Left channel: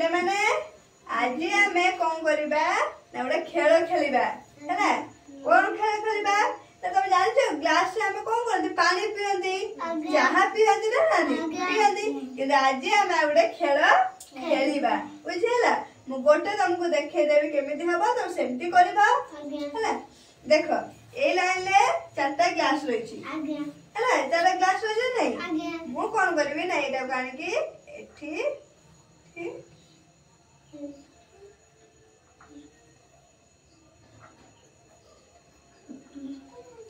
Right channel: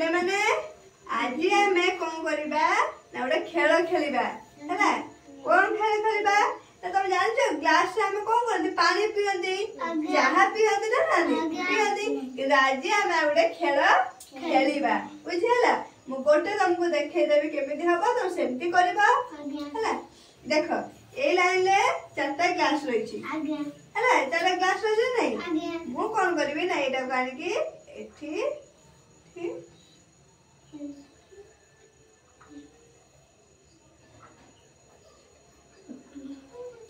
पिले माने आज आमे कौन करिबा ना गोटे खेल खेलिबा है कौन खेल खेलिबा तुम जान ग्लास से आमे कौन करते पानी पियंती चाहा पियंती ना पियंती कि आज आमे गोटे खेल खेलिबा बुझिला मु गोटे तुमको देखे देबी केमिति हबो तुम सेमती करबा है देखो ए लाइन ले चारटा ग्लास रही है चार ग्लास रही नहीं मु कौन करबी ना एटा को आनी की एठी ठीक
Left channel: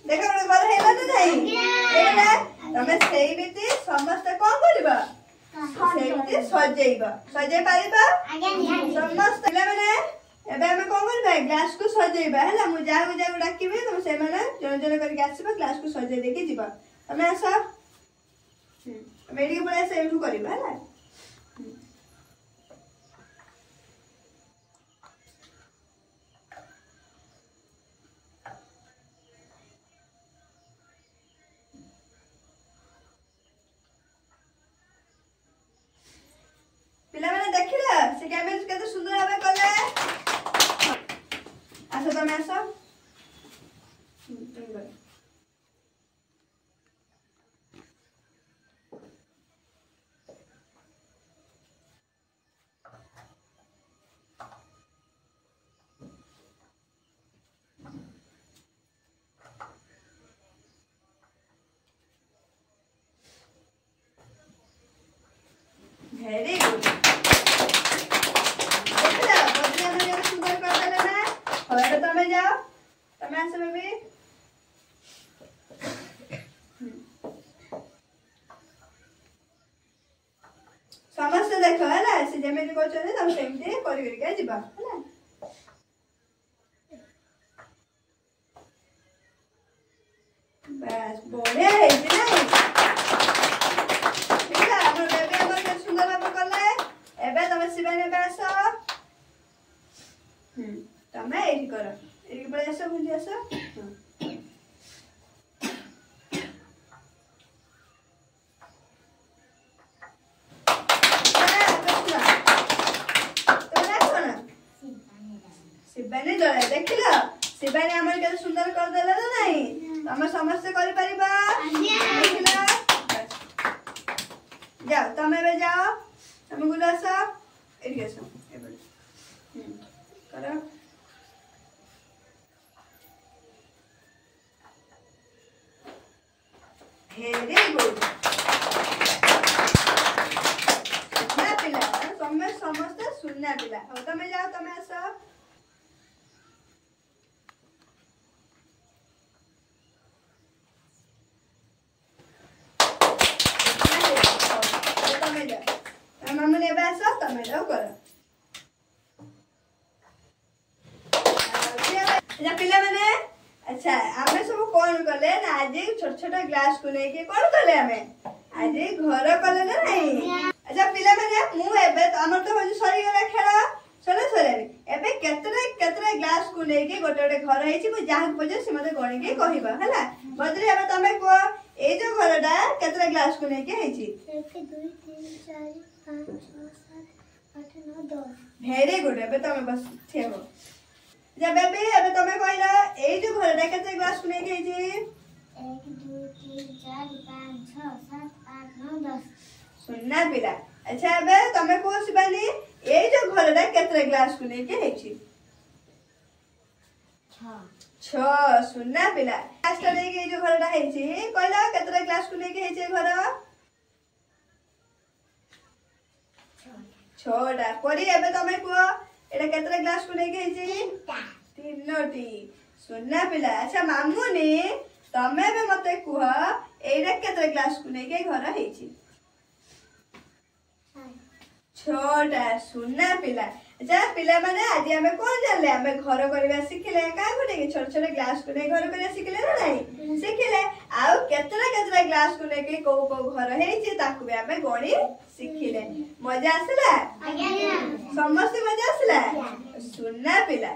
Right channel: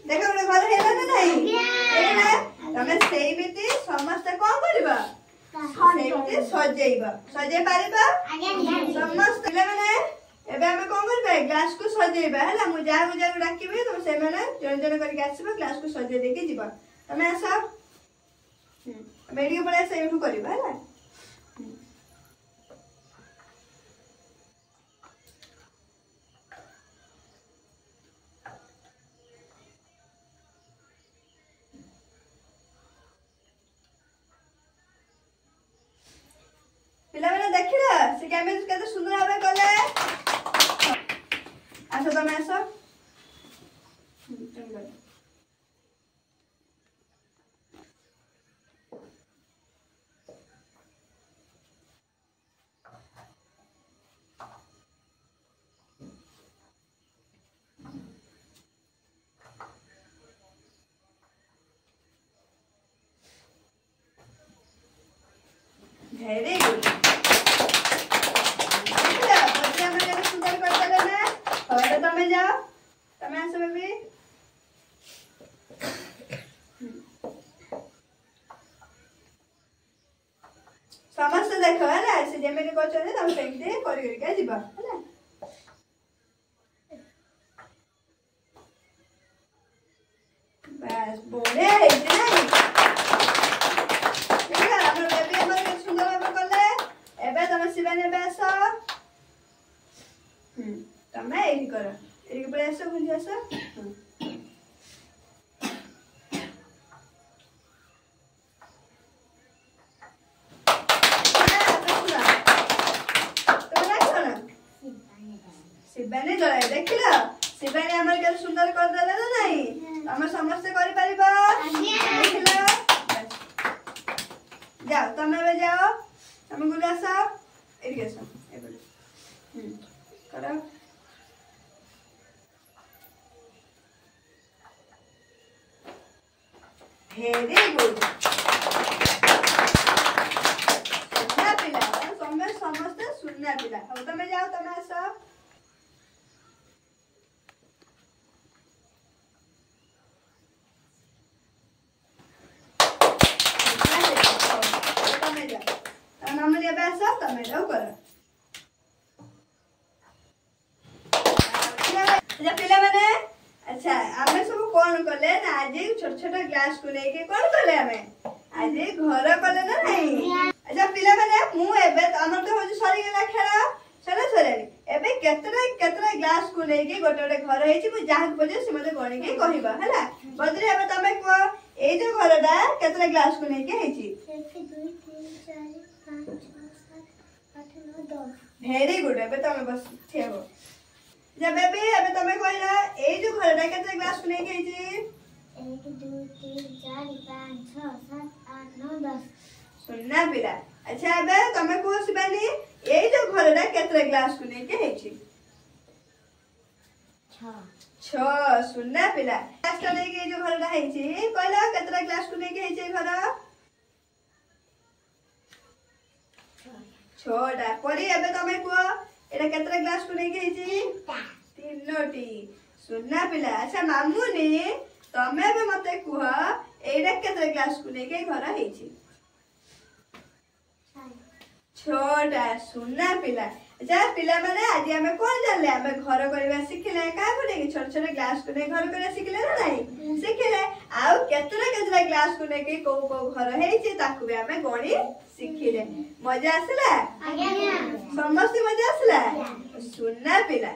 देखो गोटे घर हेला ना नहीं हेला तमे सेई बिति समस्त कौन करबा सेई सजेइबा सजे पारिबा समस्त ले माने एबे हमें कौन करबा ग्लास को सजेइबा हैला मु जागु जागु डाकिबे तुम से माने जन जन करके आसीबा ग्लास को सजे देके जीबा तमे आसा मेडी पळे से एठू करबा हैला पिला मैंने देखिला से कैमेरा केते सुंदर भाबे कले आसो तमे आसो तुम बरे वेरी गुड तमे जाओ तमे आसो बेबी समस्त देखो है से जेमेति करछने तम सेमति करि करि के जिबा है बस बढ़िया है नहीं ठीक है हम बेबी हमर सुंदर भाबे करले एबे तमे शिवानी बेसो तमे एही करो एही पळे आसो बुझी आसो शिवानी डरे देखिलो शिवानी हमर के सुंदर कर देले ना नहीं तमे समस्त करि परिबा देखिलो जाओ तमे बे जाओ तमे गुड आसो एही आसो एबे करो वेरी गुड सुनना पिला समस्त सुनना पिला अब तमे जाओ तमे आसो तमे जाओ मामूली अब आसो तमे जाओ करो अच्छा पिला माने अच्छा आमे सब कोन कले ना आज छोट छोट ग्लास को नै के कोन कले आमे आज घर कले ना नहीं अच्छा पिला माने मु एबे हमर तो होजी सरी गेला खेला सरे सरे एबे केतरा ग्लास को नै के गोटे गोटे घर हेछि मु जाह पजे से मते गणी के कहिबा हैला बदरे एबे तमे को ए जो घरडा केतरा ग्लास को नै के हेछि 1 2 3 4 5 6 7 8 9 10 वेरी गुड एबे तमे बस थेबो जब बेबी अबे तमे कहला ए जो घरडा केते ग्लास कुने के जे 1 2 3 4 5 6 7 8 9 10 सुनना पिला अच्छा अबे तमे को सिबानी ए जो घरडा केते ग्लास कुने के हेछि 6 सुनना पिला ग्लास करे के जो घरडा हेछि कहला केते ग्लास कुने के हेछि घर 6टा परी एबे तमे को एटा केतरा ग्लास को नै के हेछि 3टी सुनना पिला अच्छा मामुनी तमे बे मते कुह एटा केतरा ग्लास को नै के घर हेछि 6टा सुनना पिला अच्छा पिला माने आज हमें कोन जानले हमें घर करबा सिखले का कोने के छोट छोट ग्लास को नै घर करबा सिखले ना नहीं सिखले आउ केतरा ग्लास को नै के को घर हेछि ताकू बे हमें गणी सिखिले मजा आसला समस्त मजा आसला सुनना पिला